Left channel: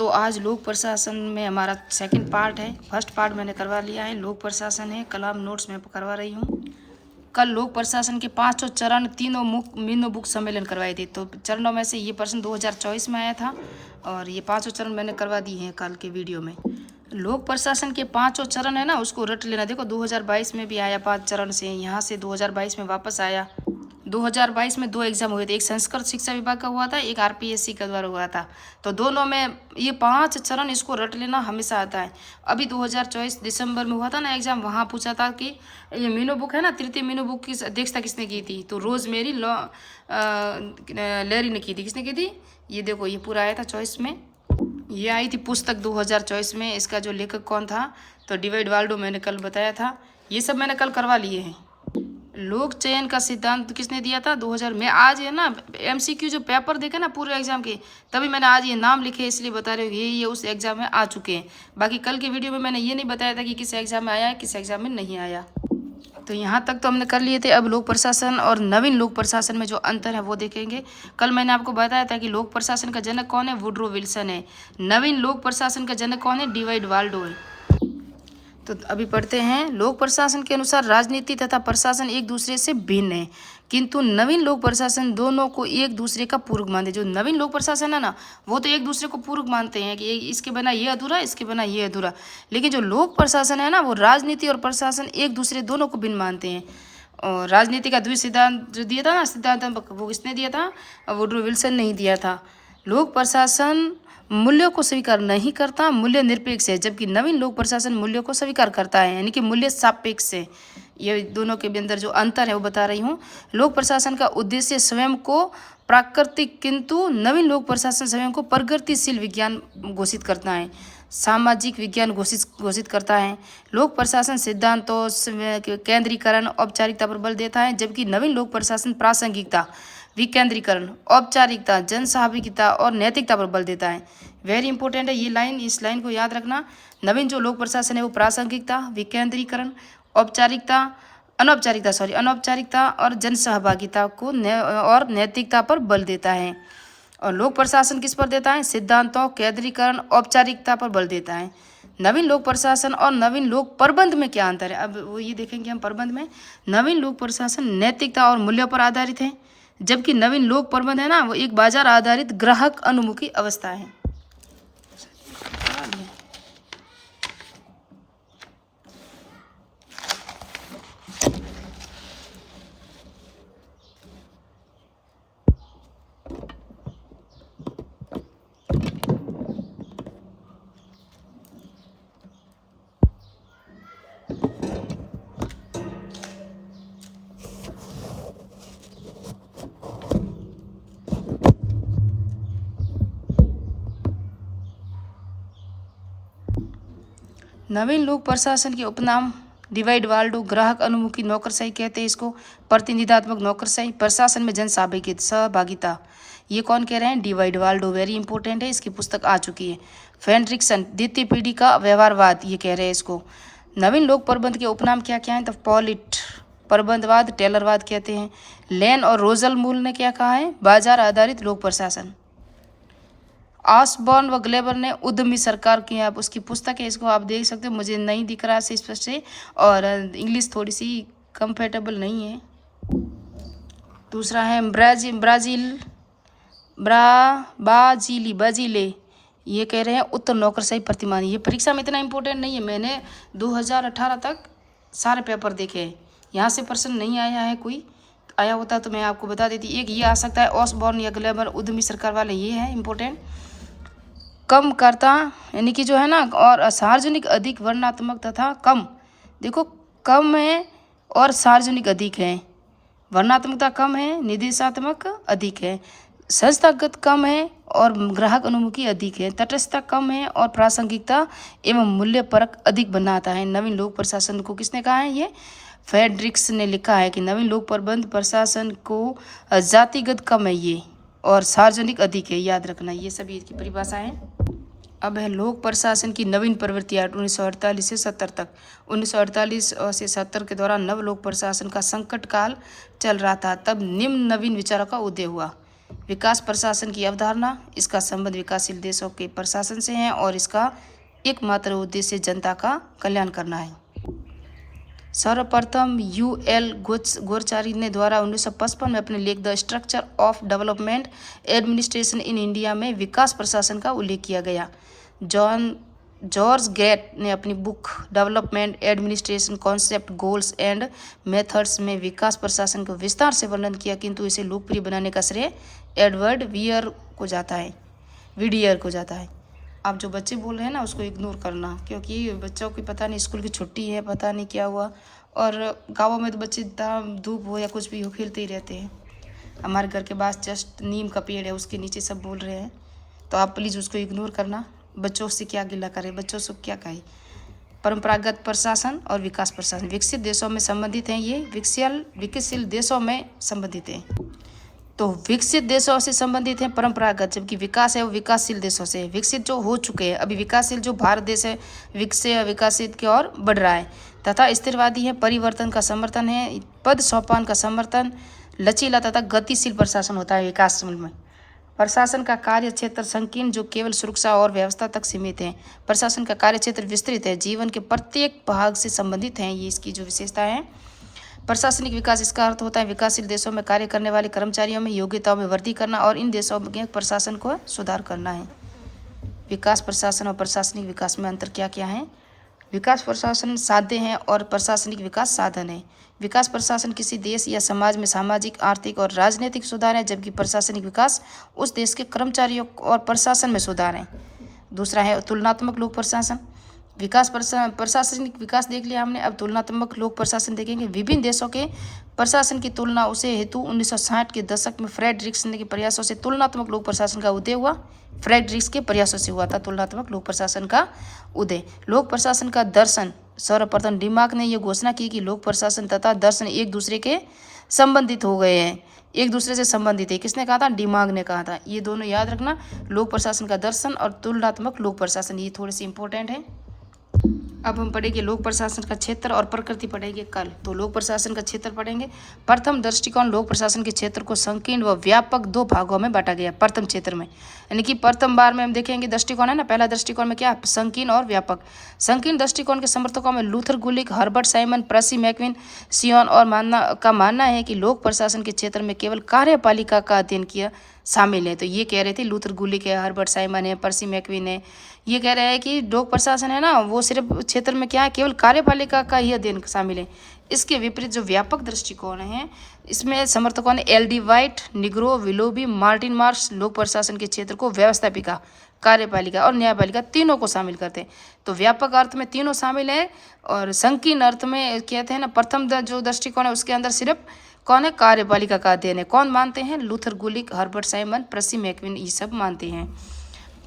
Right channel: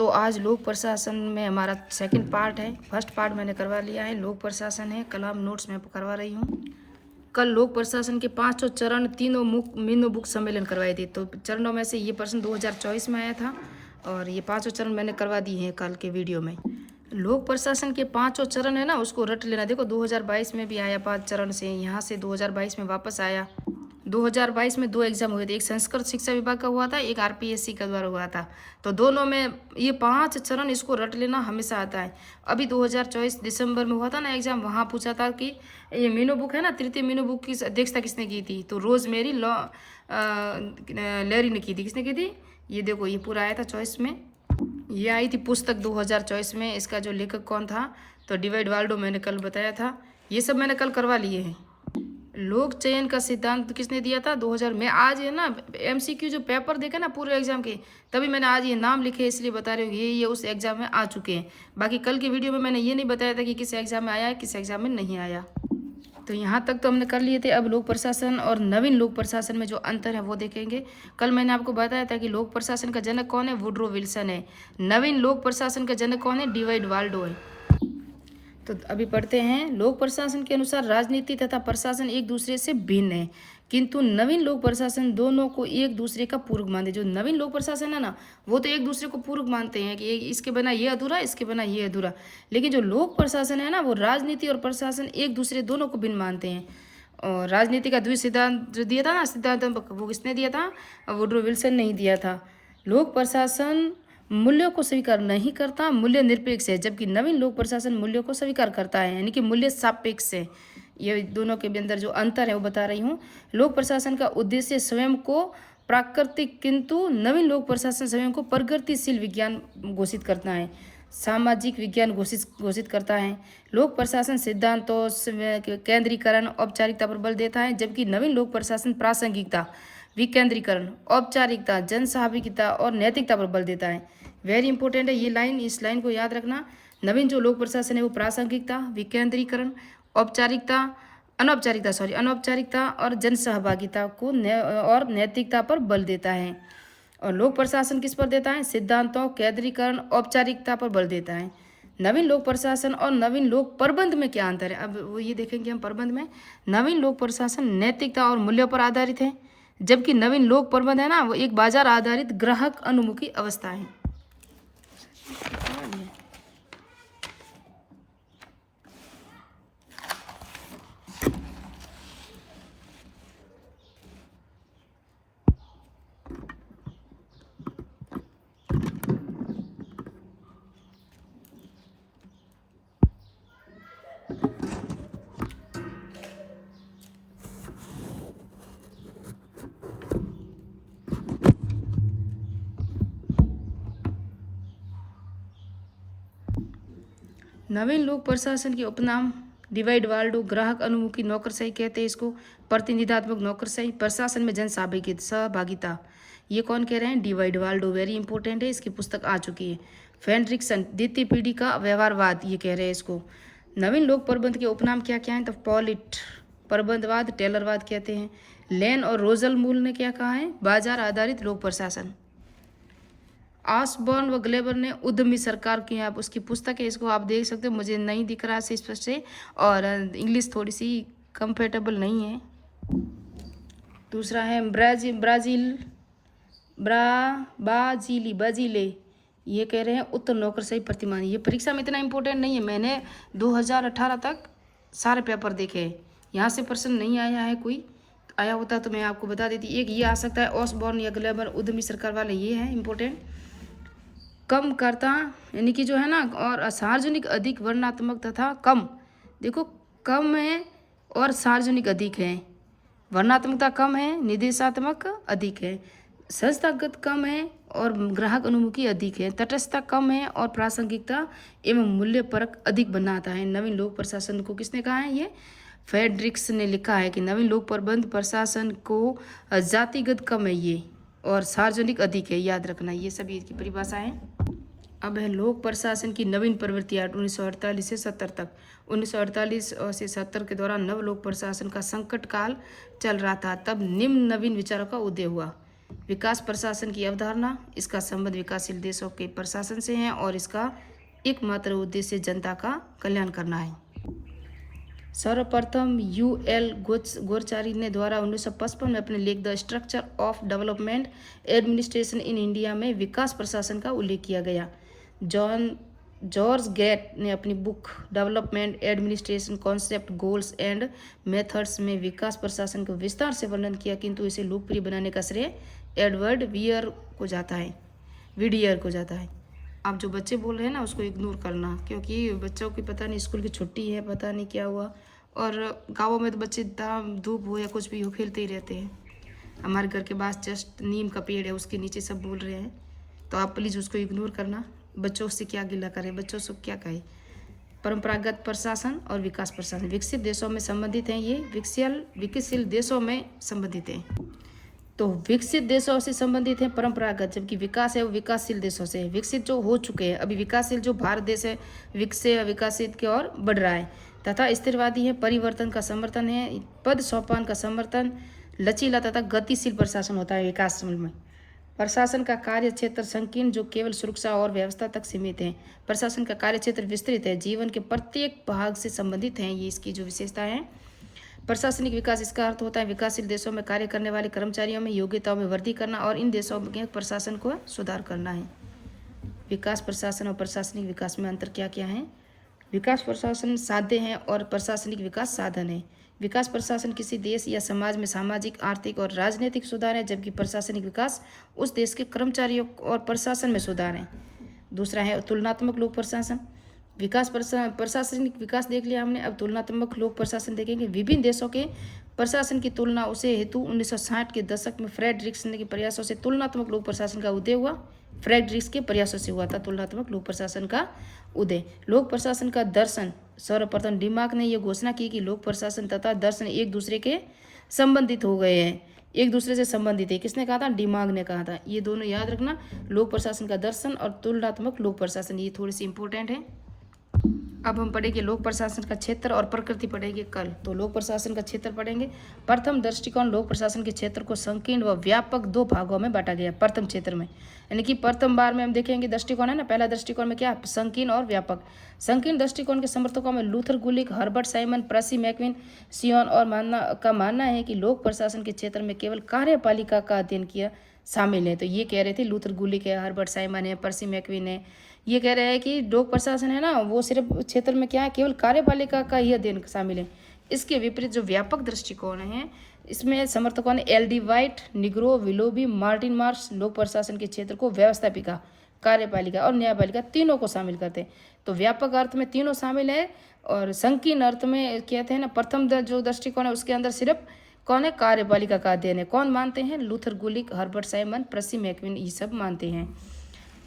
तो आज लोक प्रशासन में हमारा सेकंड पार्ट है। फर्स्ट पार्ट मैंने करवा लिया है, लोक प्रशासन है, कल आप नोट्स में करवा रही हूँ। कल लोक प्रशासन के 5 चरण तीनों मीनो बुक सम्मेलन करवाए थे। तो चरणों में से ये प्रश्न 2024 में आया था और ये 5 चरण मैंने करवा दिए हैं कल के वीडियो में। लोक प्रशासन के 5 चरण है ना, उसको रट लेना। देखो 2022 में भी आया 5 चरण से, यहाँ से 2022 में वापस आया। 2022 में 2 एग्जाम हुए थे, एक संस्कृत शिक्षा विभाग का हुआ था, एक आरपीएससी का द्वारा हुआ था। तो दोनों में ये 5 चरण, इसको रट लेना हमेशा आता है। अभी 2024 दिसंबर में हुआ था ना एग्जाम, वहाँ पूछा था कि ये मीनू बुक है ना, तृतीय मीनू बुक की अध्यक्षता किसने की थी? तो रोजमेरी लेरी ने की थी। किसने की थी? ये देखो, ये पूरा आया था चॉइस में, ये आई थी पुस्तक 2024 में। इसका जो लेखक कौन था? तो डिवाइड वाल्डो, मैंने कल बताया था। ये सब मैंने कल करवा लिए हैं। लोक चयन का सिद्धांत किसने दिया था? 2000 में। आज है ना एमसीक्यू जो पेपर देखे ना पूरे एग्जाम के, तभी मैंने आज ये नाम लिखे, इसलिए बता रहे हो ये उस एग्जाम में आ चुके हैं। बाकी कल की वीडियो में मैंने ये नहीं बताया था कि किस एग्जाम में आया है, किस एग्जाम में नहीं आया। तो यहाँ तक तो हमने कर लिए थे। अब लोक प्रशासन और नवीन लोक प्रशासन में जो अंतर है वो देखेंगे। कल मैंने आपको बताया था कि लोक प्रशासन का जनक कौन है? वुड्रो विल्सन है। नवीन लोक प्रशासन का जनक कौन है? डिवाइड वाल्डो है। तो अभी पढ़ते हैं। लोक प्रशासन के अनुसार राजनीति तथा प्रशासन एक दूसरे से भिन्न है, किंतु नवीन लोक प्रशासन दोनों को एक दूसरे का पूरक मानते हैं। जो नवीन लोक प्रशासन है ना, वो तो एक दूसरे को पूरक मानते हैं कि इसके बिना ये अधूरा, इसके बिना ये अधूरा। लेकिन जो लोक प्रशासन है ना, वो राजनीति और प्रशासन एक दूसरे दोनों को भिन्न मानते हैं। और राजनीति का द्वि सिद्धांत जो दिया था ना, सिद्धांत, वो किसने दिया था? वुड्रो विल्सन ने ही दिया था। लोक प्रशासन मूल्यों को स्वीकार नहीं करता, मूल्य निरपेक्ष है, जबकि नवीन लोक प्रशासन मूल्यों को स्वीकार करता है, यानी कि मूल्य सापेक्ष है। ये दोनों के अंदर जो अंतर है वो बता रही हूँ। लोक प्रशासन का उद्देश्य स्वयं को प्राकृतिक, किंतु नवीन लोक प्रशासन स्वयं को प्रगतिशील विज्ञान घोषित करता है, सामाजिक विज्ञान घोषित करता है। लोक प्रशासन सिद्धांतों, केंद्रीकरण, औपचारिकता पर बल देता है, जबकि नवीन लोक प्रशासन प्रासंगिकता, विकेंद्रीकरण, औपचारिकता, जनसहभागिता और नैतिकता पर बल देता है। वेरी इंपॉर्टेंट है ये लाइन, इस लाइन को याद रखना। नवीन जो लोक प्रशासन है वो प्रासंगिकता, विकेंद्रीकरण, अनौपचारिकता और जनसहभागिता को और नैतिकता पर बल देता है। और लोक प्रशासन किस पर देता है? सिद्धांतों, केंद्रीकरण, औपचारिकता पर बल देता है। नवीन लोक प्रशासन और नवीन लोक प्रबंध में क्या अंतर है? अब वो ये देखेंगे हम। प्रबंध में नवीन लोक प्रशासन नैतिकता और मूल्यों पर आधारित है, जबकि नवीन लोक प्रबंध है ना, वो एक बाजार आधारित ग्राहक अनुमुखी अवस्था है। नवीन लोक प्रशासन के उपनाम डिवाइड वाल्डो, ग्राहक अनुमुखी नौकरशाही कहते हैं इसको, प्रतिनिधात्मक नौकरशाही, प्रशासन में सहभागिता। ये कौन कह रहे हैं? Divide Waldo. वेरी इंपॉर्टेंट है, इसकी पुस्तक आ चुकी है। फेंड्रिक्सन, द्वितीय पीढ़ी का व्यवहारवाद, ये कह रहे हैं इसको। नवीन लोक प्रबंध के उपनाम क्या क्या हैं? तो पॉलिट प्रबंधवाद, टेलरवाद कहते हैं। लेन और रोजल मूल ने क्या कहा है? बाजार आधारित लोक प्रशासन। ऑसबॉर्न व ग्लेबर ने उद्यमी सरकार की, आप उसकी पुस्तक है, इसको आप देख सकते हो। मुझे नहीं दिख रहा है स्पष्ट से, और इंग्लिश थोड़ी सी कंफर्टेबल नहीं है। दूसरा है बाजीले, ये कह रहे हैं उत्तर नौकरशाही प्रतिमान। ये परीक्षा में इतना इंपॉर्टेंट नहीं है, मैंने 2018 तक सारे पेपर देखे हैं, यहाँ से प्रश्न नहीं आया है। कोई आया होता तो मैं आपको बता देती। एक ये आ सकता है ऑसबॉर्न या ग्लेबर, उद्यमी सरकार वाले, ये है इंपॉर्टेंट। कम करता, यानी कि जो है ना, और सार्वजनिक अधिक वर्णात्मक तथा कम, देखो कम है और सार्वजनिक अधिक है। वर्णात्मकता कम है, निर्देशात्मक अधिक है। संस्थागत कम है और ग्राहक अनुमुखी अधिक है। तटस्थता कम है और प्रासंगिकता एवं मूल्य परक अधिक बनाता है। नवीन लोक प्रशासन को किसने कहा है? ये फेड्रिक्स ने लिखा है कि नवीन लोक प्रबंध प्रशासन को जातिगत कम है ये, और सार्वजनिक अधिक है। याद रखना, ये सभी इसकी परिभाषा है। अब है लोक प्रशासन की नवीन प्रवृत्तियाँ 1948 से 70 तक। 1948 से 70 के दौरान नव लोक प्रशासन का संकट काल चल रहा था। तब निम्न नवीन विचारों का उदय हुआ। विकास प्रशासन की अवधारणा, इसका संबंध विकासशील देशों के प्रशासन से है और इसका एकमात्र उद्देश्य जनता का कल्याण करना है। सर्वप्रथम यूएल गोरचारी ने द्वारा 1955 में अपने लेख the structure of development administration in India में विकास प्रशासन का उल्लेख किया गया। जॉर्ज गेट ने अपनी book development administration concept goals and methods में विकास प्रशासन को विस्तार से वर्णन किया, किंतु इसे लोकप्रिय बनाने का श्रेय एडवर्ड वियर को जाता है। आप जो बच्चे बोल रहे हैं ना उसको इग्नोर करना, क्योंकि बच्चों की पता नहीं स्कूल की छुट्टी है, पता नहीं क्या हुआ, और गाँवों में तो बच्चे धूप हो या कुछ भी हो खेलते ही रहते हैं। हमारे घर के पास जस्ट नीम का पेड़ है, उसके नीचे सब बोल रहे हैं, तो आप प्लीज़ उसको इग्नोर करना। बच्चों से क्या गिला करें, बच्चों से क्या कहे। परंपरागत प्रशासन और विकास प्रशासन विकसित देशों में संबंधित हैं, ये विकसशील देशों में संबंधित हैं। तो विकसित देशों से संबंधित हैं परंपरागत, जबकि विकास है वो विकासशील देशों से। विकसित जो हो चुके हैं, अभी विकासशील जो भारत देश है विकसित की ओर बढ़ रहा है, तथा स्थिरवादी है, परिवर्तन का समर्थन है, पद सोपान का समर्थन, लचीला तथा गतिशील प्रशासन होता है विकासशील में। प्रशासन का कार्य क्षेत्र संकीर्ण जो केवल सुरक्षा और व्यवस्था तक सीमित है। प्रशासन का कार्य क्षेत्र विस्तृत है, जीवन के प्रत्येक भाग से संबंधित है, ये इसकी जो विशेषता है। प्रशासनिक विकास, इसका अर्थ होता है विकासशील देशों में कार्य करने वाले कर्मचारियों में योग्यताओं में वृद्धि करना और इन देशों के प्रशासन को सुधार करना है। विकास प्रशासन और प्रशासनिक विकास में अंतर क्या क्या है? विकास प्रशासन साध्य है और प्रशासनिक विकास साधन है। विकास प्रशासन किसी देश या समाज में सामाजिक, आर्थिक और राजनीतिक सुधार है, जबकि प्रशासनिक विकास उस देश के कर्मचारियों और प्रशासन में सुधार है। दूसरा है तुलनात्मक लोक प्रशासन। प्रशासनिक विकास देख लिया हमने, अब तुलनात्मक लोक प्रशासन देखेंगे। विभिन्न देशों के प्रशासन की तुलना उसे हेतु 1960 के दशक में फ्रेडरिक्स के प्रयासों से तुलनात्मक लोक प्रशासन का उदय हुआ। फ्रेडरिक्स के प्रयासों से हुआ था तुलनात्मक लोक प्रशासन का उदय। लोक प्रशासन का दर्शन, सर्वप्रथम डिमार्क ने यह घोषणा की कि लोक प्रशासन तथा दर्शन एक दूसरे के संबंधित हो गए हैं, एक दूसरे से संबंधित है। किसने कहा था? डिमार्क ने कहा था। ये दोनों याद रखना, लोक प्रशासन का दर्शन और तुलनात्मक लोक प्रशासन, ये थोड़े से इंपॉर्टेंट है। अब हम पढ़ेंगे लोक प्रशासन का क्षेत्र और प्रकृति पढ़ेंगे कल। तो लोक प्रशासन का क्षेत्र पढ़ेंगे। प्रथम दृष्टिकोण, लोक प्रशासन के क्षेत्र को संकीर्ण व व्यापक दो भागों में बांटा गया प्रथम क्षेत्र में, यानी कि प्रथम बार में हम देखेंगे दृष्टिकोण है ना, पहला दृष्टिकोण में क्या? संकीर्ण और व्यापक। संकीर्ण दृष्टिकोण के समर्थकों में लूथर गुलिक, हर्बर्ट साइमन, पर्सी मैकविन, सियोन और मानना है कि लोक प्रशासन के क्षेत्र में केवल कार्यपालिका का अध्ययन किया शामिल है। तो ये कह रहे थे लूथर गुलिक है, हर्बर्ट साइमन है, पर्सी मैकविन है, ये कह रहे हैं कि लोक प्रशासन है ना वो सिर्फ क्षेत्र में क्या है, केवल कार्यपालिका का ही अध्ययन शामिल है। इसके विपरीत जो व्यापक दृष्टिकोण है, इसमें समर्थकों ने L D white, Negro, Willoughby, Martin Marsh लोक प्रशासन के क्षेत्र को व्यवस्थापिका, कार्यपालिका और न्यायपालिका तीनों को शामिल करते हैं। तो व्यापक अर्थ में तीनों शामिल है और संकीर्ण अर्थ में कहते हैं ना प्रथम जो दृष्टिकोण है उसके अंदर सिर्फ कौन है? कार्यपालिका का अध्ययन है। कौन मानते हैं? लूथर गुलिक, हर्बर्ट साइमन, पर्सी मैकविन, ये सब मानते हैं।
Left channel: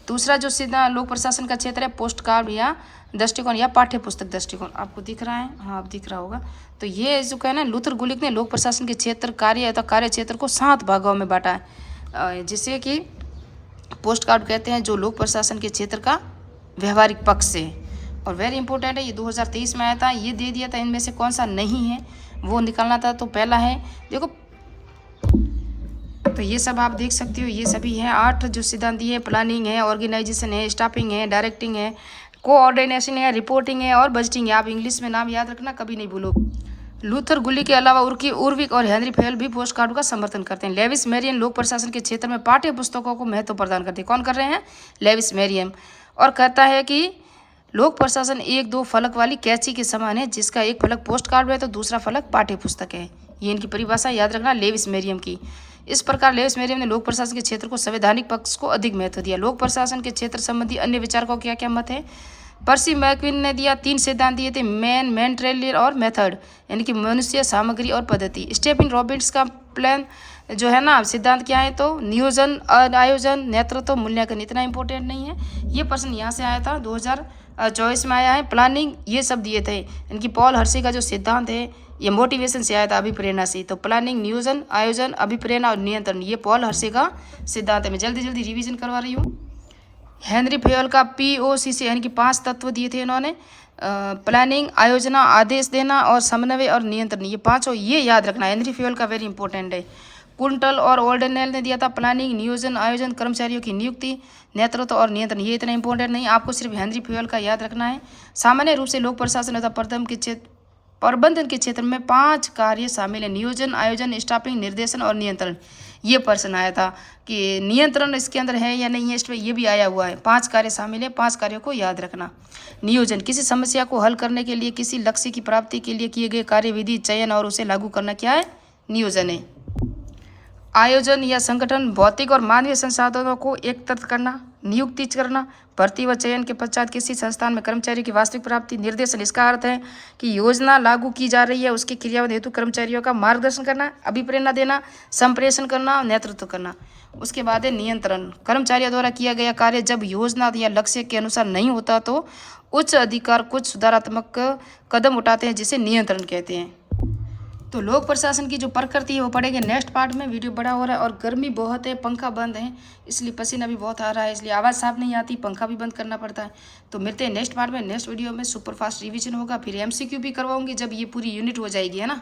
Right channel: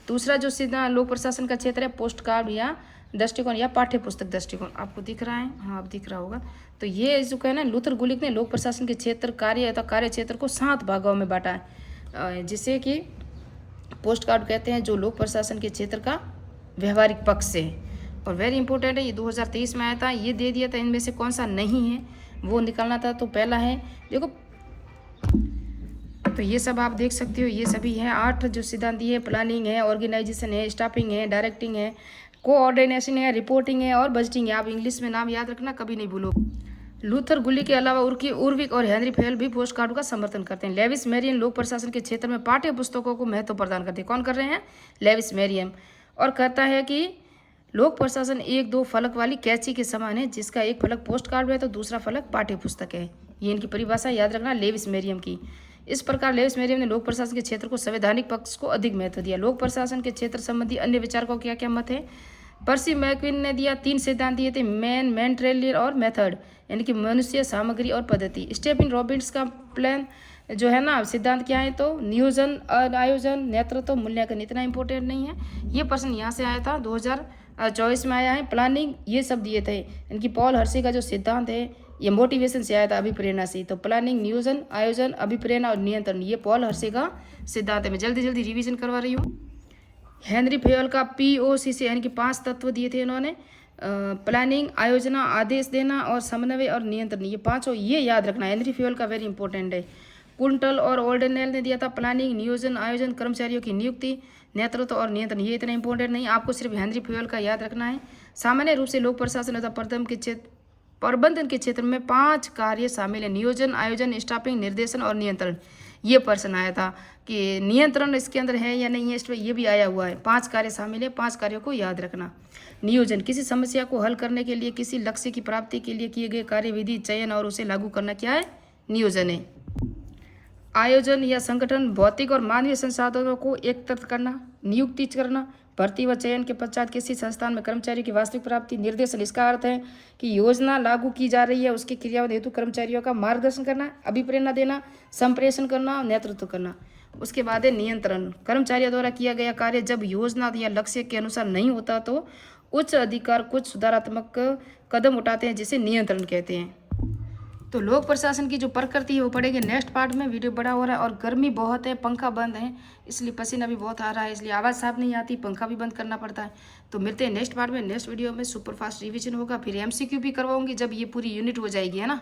दूसरा जो सीधा लोक प्रशासन का क्षेत्र है पोस्ट कार्ड या दृष्टिकोण या पाठ्य पुस्तक दृष्टिकोण, आपको दिख रहा है? हाँ, आप दिख रहा होगा। तो ये जो कहना लूथर गुलिक ने लोक प्रशासन के क्षेत्र कार्य क्षेत्र को 7 भागों में बांटा है, जिसे कि पोस्ट कार्ड कहते हैं, जो लोक प्रशासन के क्षेत्र का व्यवहारिक पक्ष है और वेरी इंपॉर्टेंट है। ये 2023 में आया था, ये दे दिया था। इनमें से कौन सा नहीं है वो निकालना था। तो पहला है देखो, तो ये सब आप देख सकते हो, ये सभी है 8 जो सिद्धांत है। प्लानिंग है, ऑर्गेनाइजेशन है, स्टाफिंग है, डायरेक्टिंग है, कोऑर्डिनेशन है, रिपोर्टिंग है और बजटिंग है। आप इंग्लिश में नाम याद रखना, कभी नहीं भूलो। लूथर गुलिक के अलावा उर्विक और हेनरी फेयल भी पोस्ट कार्ड का समर्थन करते हैं। लेविस मेरियम लोक प्रशासन के क्षेत्र में पाठ्य पुस्तकों को महत्व प्रदान करते हैं। कौन कर रहे हैं? Lewis Merriam. और कहता है कि लोक प्रशासन 1-2 फलक वाली कैंची के समान है, जिसका एक फलक पोस्ट कार्ड है तो दूसरा फलक पाठ्य पुस्तक है। ये इनकी परिभाषा याद रखना लेविस मेरियम की। इस प्रकार लेविस मेरियम ने लोक प्रशासन के क्षेत्र को संवैधानिक पक्ष को अधिक महत्व दिया। लोक प्रशासन के क्षेत्र संबंधी अन्य विचारकों क्या क्या मत है? पर्सी मैकविन ने दिया 3 सिद्धांत दिए थे, मेंटेलियर और मेथड, यानी कि मनुष्य, सामग्री और पद्धति। स्टीफन रॉबिन्स का प्लान जो है ना सिद्धांत क्या है? तो नियोजन, आयोजन, नेतृत्व, मूल्यांकन। इतना इंपॉर्टेंट नहीं है, ये प्रश्न यहाँ से आया था 2024 में आया है। प्लानिंग ये सब दिए थे। इनकी पॉल हर्षे का जो सिद्धांत है ये मोटिवेशन से आया था, अभिप्रेरणा से। तो प्लानिंग, नियोजन, आयोजन, अभिप्रेरणा और नियंत्रण, ये पॉल हर्षे का सिद्धांत है। मैं जल्दी जल्दी रिवीजन करवा रही हूँ। हेनरी फेयल का POC से यानी कि 5 तत्व दिए थे इन्होंने, प्लानिंग, आयोजना, आदेश देना और समन्वय और नियंत्रण, ये 5 ये याद रखना। हेनरी फेयल का वेरी इंपॉर्टेंट है। कुंटल और ओल्डरनेल ने दिया था प्लानिंग, नियोजन, आयोजन, कर्मचारियों की नियुक्ति, नेतृत्व और नियंत्रण। ये इतना इंपॉर्टेंट नहीं, आपको सिर्फ हेनरी फ्यूएल का याद रखना है। सामान्य रूप से लोक प्रशासन तथा प्रबंधन के क्षेत्र में 5 कार्य शामिल है: नियोजन, आयोजन, स्टाफिंग, निर्देशन और नियंत्रण। ये प्रश्न आया था कि नियंत्रण इसके अंदर है या नहीं है, इसमें ये भी आया हुआ है। 5 कार्य शामिल है, 5 कार्यों को याद रखना। नियोजन, किसी समस्या को हल करने के लिए, किसी लक्ष्य की प्राप्ति के लिए किए गए कार्यविधि, चयन और उसे लागू करना क्या है? नियोजन है। आयोजन या संगठन, भौतिक और मानवीय संसाधनों को एकत्रित करना, नियुक्ति करना, भर्ती व चयन के पश्चात किसी संस्थान में कर्मचारी की वास्तविक प्राप्ति। निर्देशन, इसका अर्थ है कि योजना लागू की जा रही है, उसके क्रियान्वयन हेतु कर्मचारियों का मार्गदर्शन करना, अभिप्रेरणा देना, संप्रेषण करना और नेतृत्व करना। उसके बाद है नियंत्रण, कर्मचारियों द्वारा किया गया कार्य जब योजना या लक्ष्य के अनुसार नहीं होता तो उच्च अधिकार कुछ सुधारात्मक कदम उठाते हैं, जिसे नियंत्रण कहते हैं। तो लोक प्रशासन की जो प्रकृति है वो पढ़ेंगे नेक्स्ट पार्ट में। वीडियो बड़ा हो रहा है और गर्मी बहुत है, पंखा बंद है, इसलिए पसीना भी बहुत आ रहा है, इसलिए आवाज़ साफ नहीं आती, पंखा भी बंद करना पड़ता है। तो मिलते हैं नेक्स्ट पार्ट में। नेक्स्ट वीडियो में सुपर फास्ट रिवीजन होगा, फिर MCQ भी करवाऊंगी जब ये पूरी यूनिट हो जाएगी, है ना।